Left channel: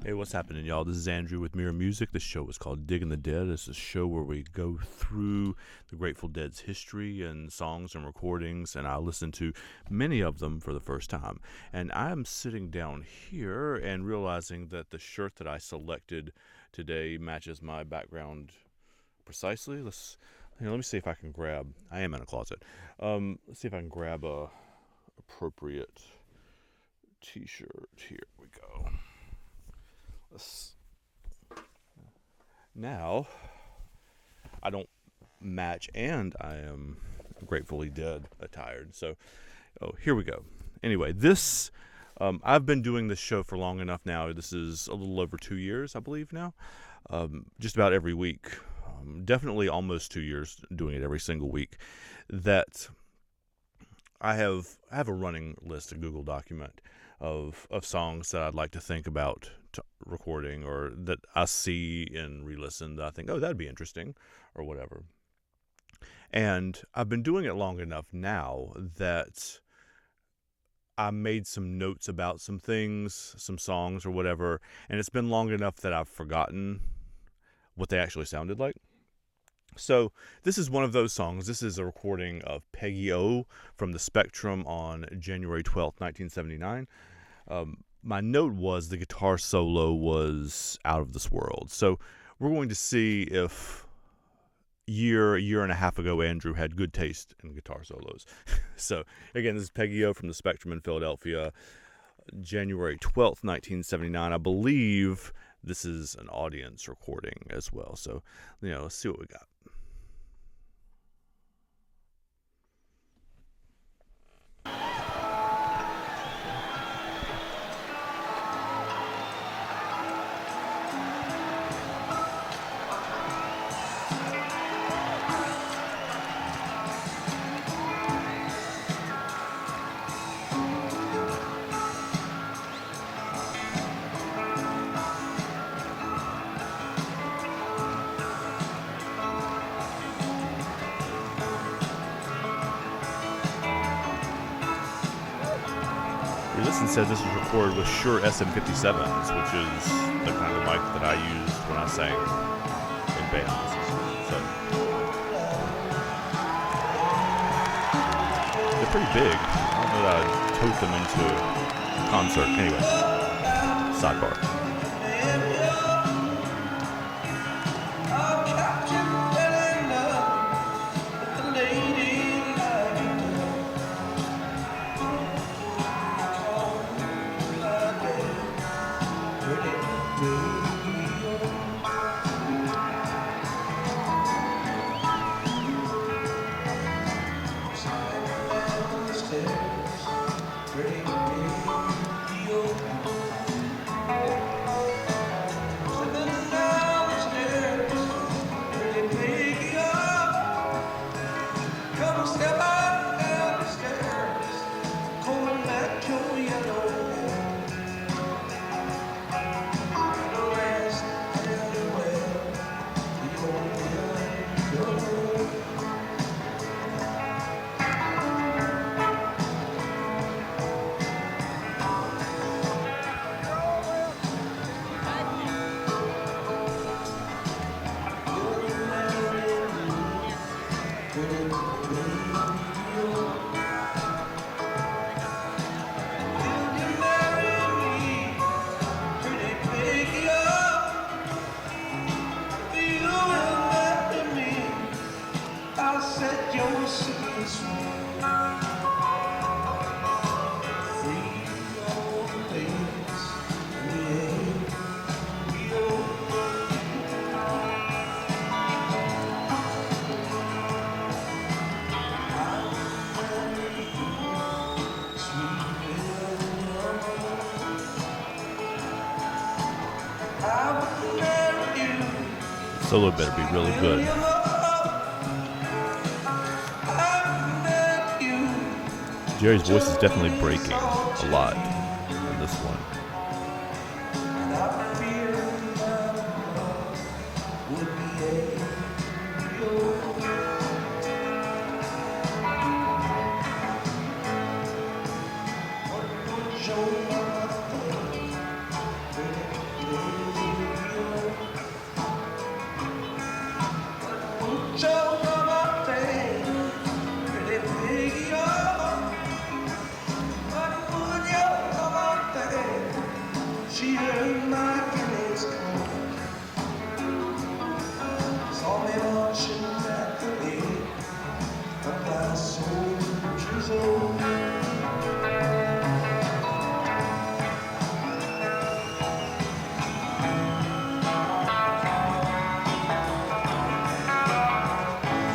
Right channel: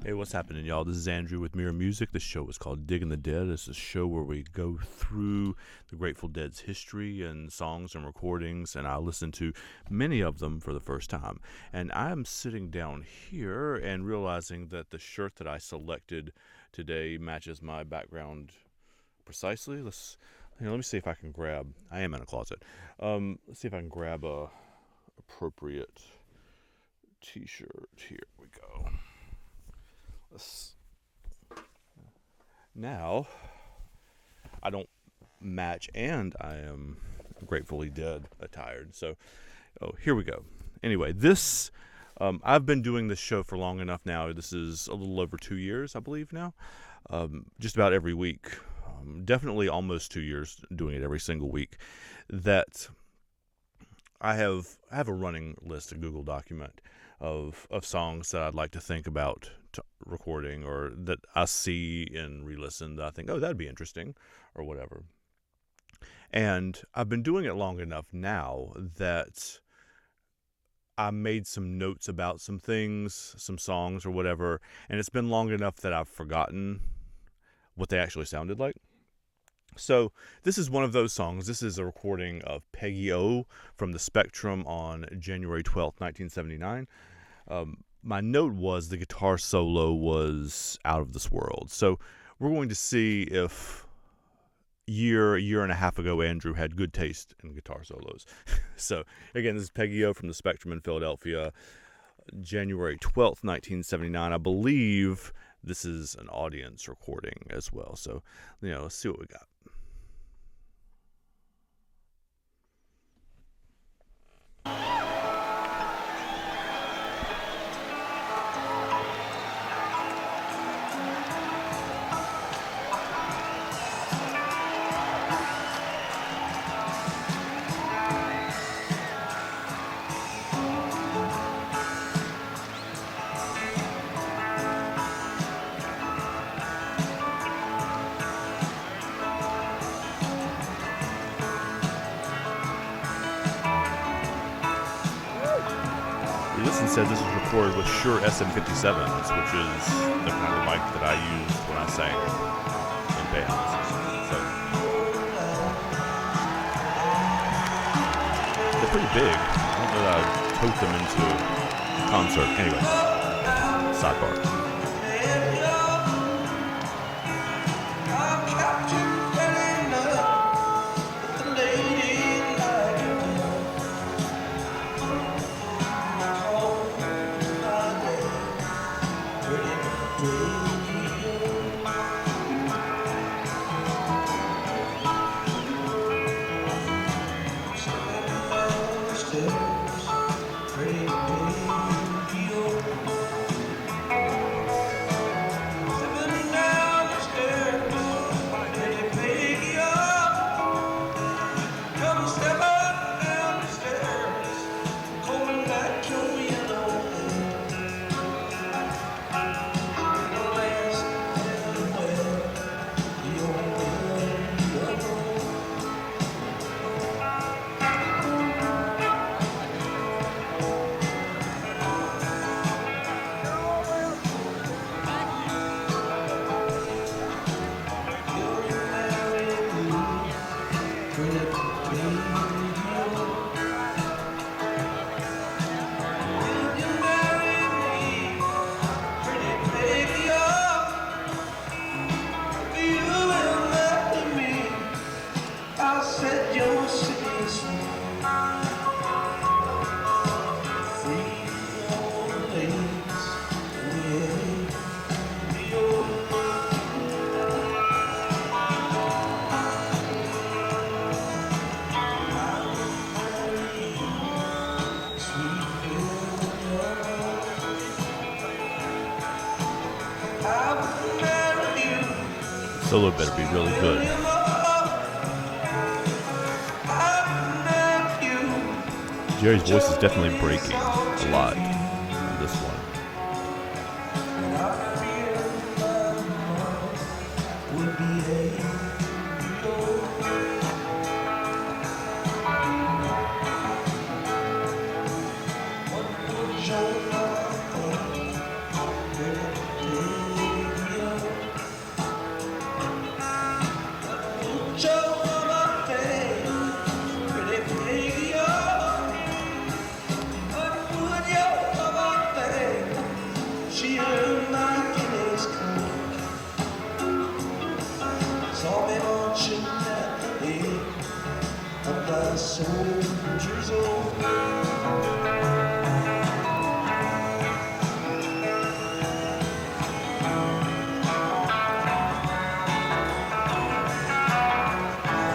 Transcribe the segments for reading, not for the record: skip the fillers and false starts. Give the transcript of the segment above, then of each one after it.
Hey, what's happening, y'all? This is Andrew with Mirror Music. This show is called Digging the Dead. It's a show where we go through the Grateful Dead's history and songs and recordings, and I listen to many of them for the first time. And I'm sitting down here and realizing that the shirt that I selected today matches my background precisely. Let me see if I can grab. I am in a closet. Let's see if I can grab a appropriate T-shirt. Here we go. Now, I don't match, and I am Gratefully Dead attired. So, here we go. Anyway, I've been doing this show for long enough now. This is a little over 2 years, I believe now. Just about every week. Definitely almost 2 years doing it every single week. That I have a running list, a Google document of songs that I'd like to think about recording, or that I see and re-listen that I think, oh, that'd be interesting, or whatever. And I've been doing it long enough now that I made some notes about some things, some songs or whatever, and it's been long enough that I've forgotten what they actually sounded like. So this is one of those songs. This is a recording of Peggy-O from the Spectrum on January 12th, 1979. My note was the guitar solo was out of this world. So we're going to see if a year and a half ago, Andrew had good taste in guitar solos. So again, this is Peggy-O from the Spectrum in Philadelphia, January 12th, 1979. I believe this is an audience recording as well. So, let's see what we got. Listen said this was recorded with Shure SM57s, which is the kind of mic that I used when I sang in bands. So they're pretty big. I don't know that I'd tote them into a concert. Anyway, sidebar. Solo better be really good. Jerry's voice is definitely breaking a lot in this one.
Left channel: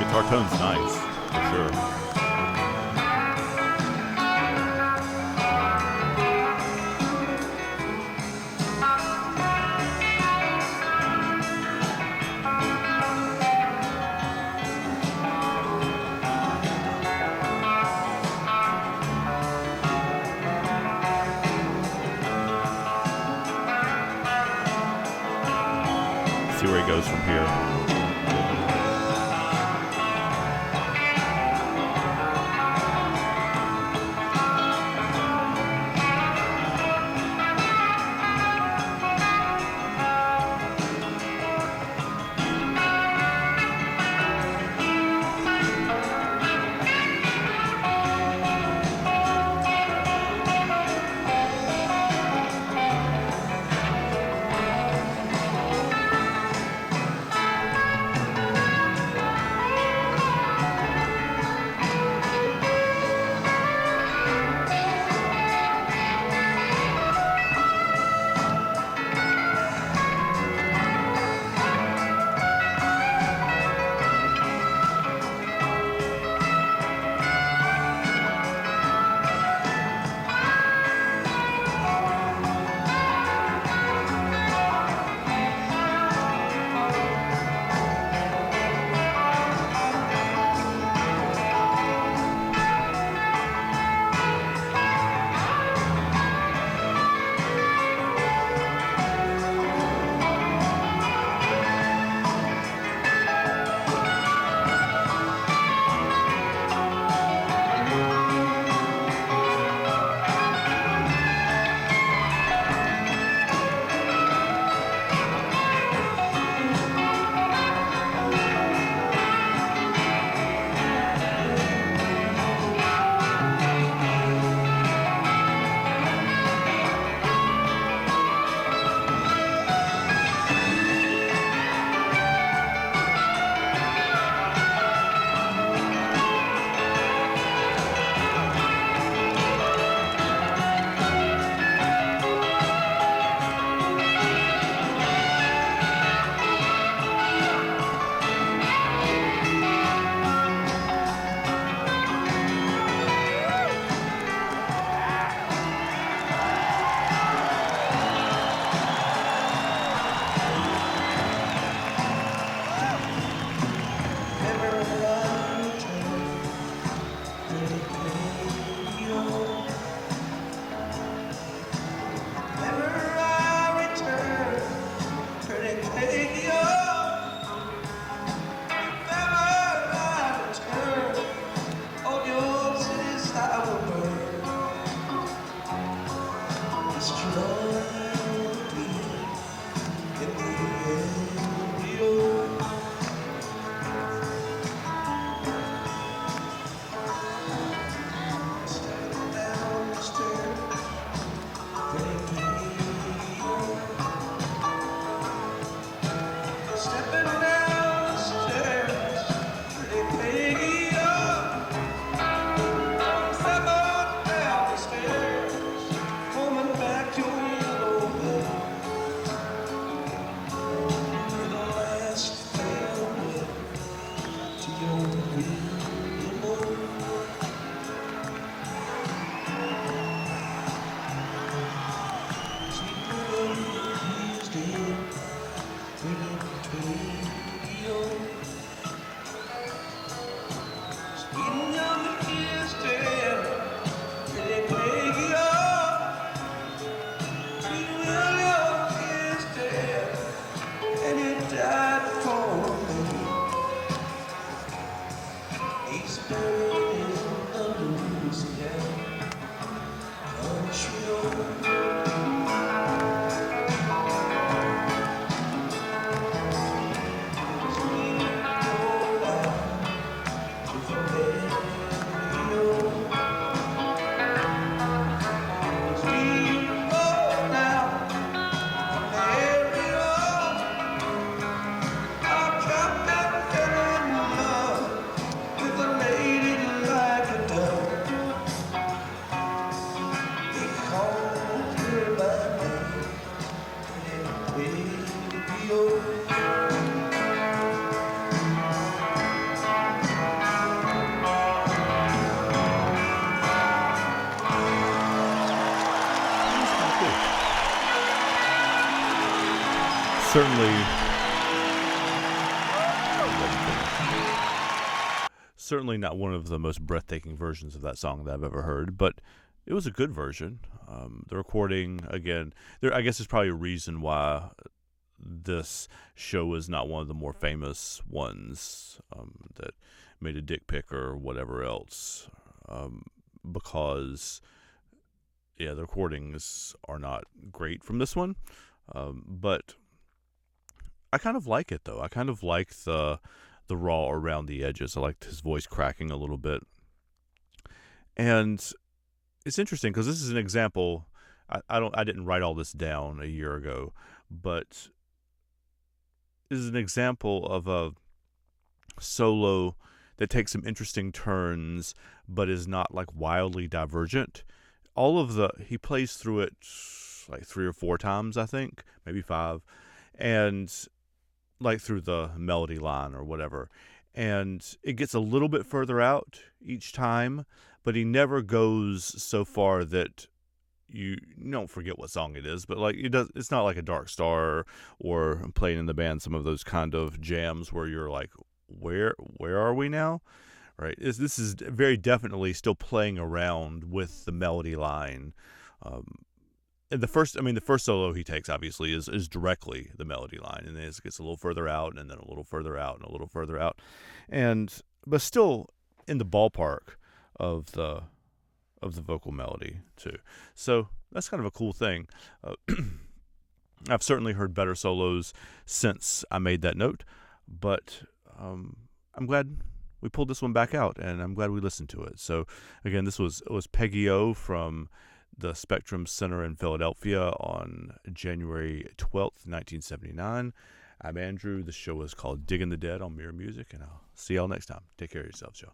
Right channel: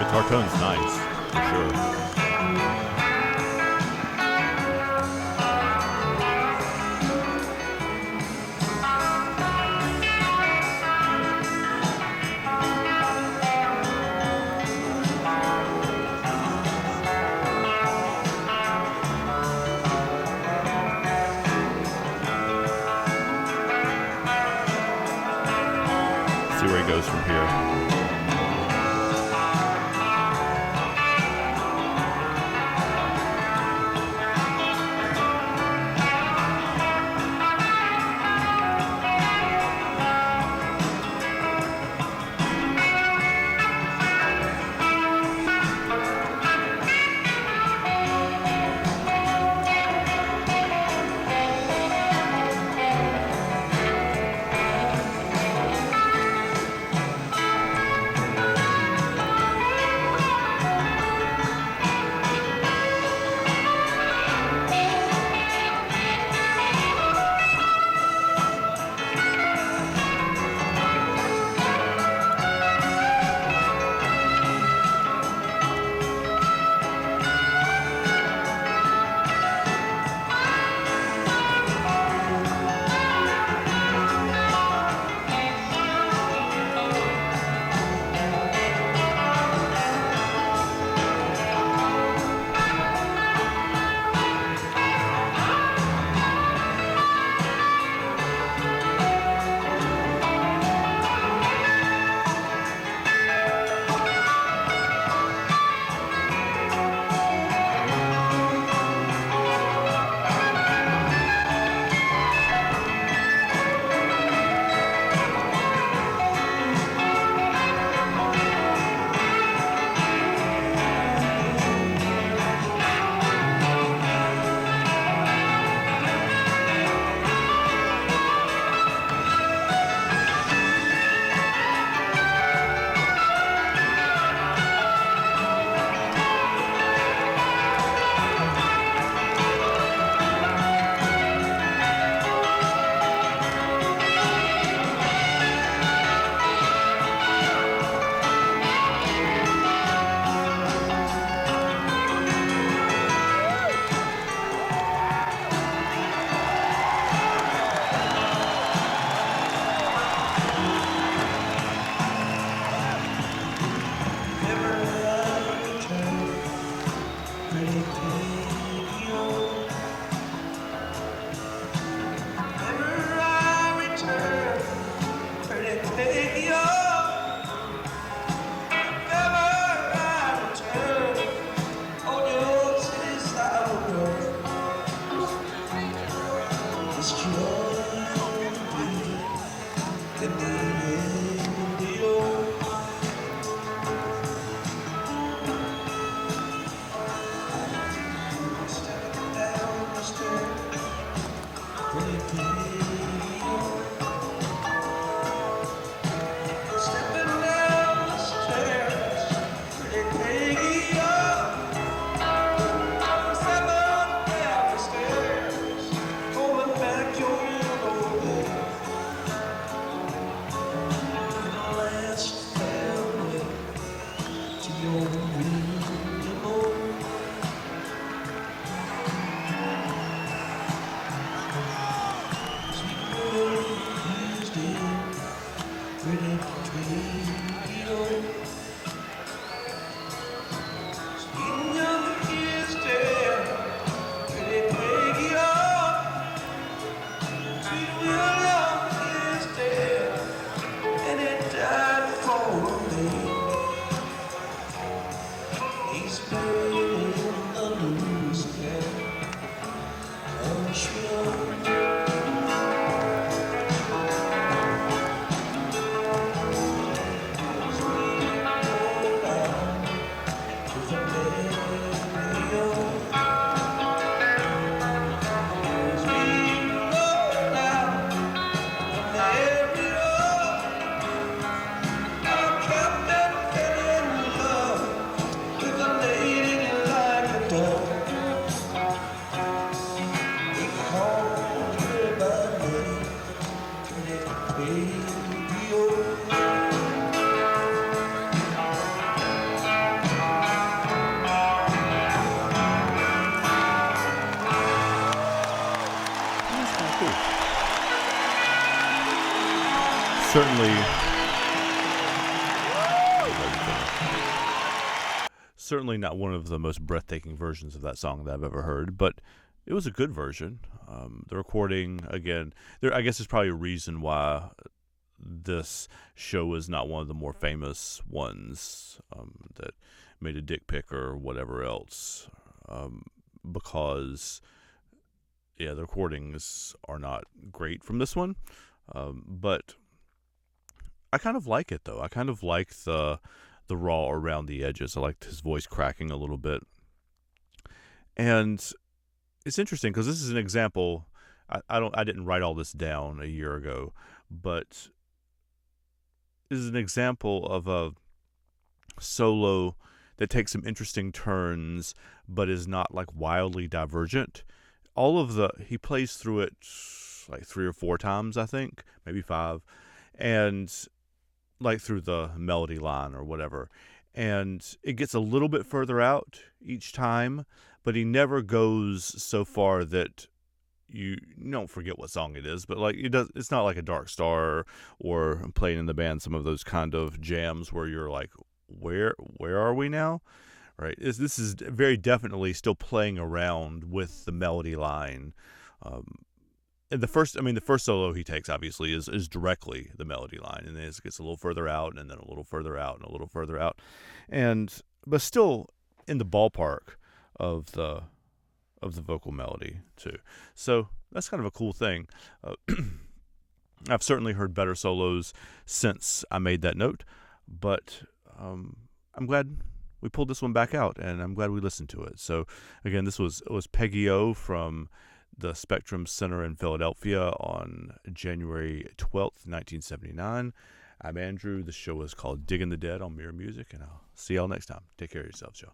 guitar tone's nice, for sure. See where he goes from here. That's kind of cool. Certainly, certainly not one of the most breathtaking versions of that song that I've ever heard, but it was a good version. The recording, again, I guess there's probably a reason why this show is not one of the more famous ones that made a dick pic or whatever else, because the recordings are not great from this one, but I kind of like it though. I kind of like the raw around the edges. I liked his voice cracking a little bit, and it's interesting because this is an example. I didn't write all this down a year ago, but this is an example of a solo that takes some interesting turns, but is not like wildly divergent. He plays through it like 3 or 4 times, I think, maybe 5, and like through the melody line or whatever. And it gets a little bit further out each time, but he never goes so far that you don't forget what song it is, but like it's not like a Dark Star or playing in the band, some of those kind of jams where you're like, where are we now? Right? This is very definitely still playing around with the melody line. And the first solo he takes obviously is directly the melody line, and then it gets a little further out, and then a little further out, and a little further out, but still in the ballpark of the vocal melody too. So that's kind of a cool thing. I've certainly heard better solos since I made that note, but I'm glad we pulled this one back out, and I'm glad we listened to it. So again, it was Peggy-O from the Spectrum Center in Philadelphia on January 12th, 1979. I'm Andrew. The show is called Digging the Dead on Mirror Music, and I'll see y'all next time. Take care of yourselves, y'all.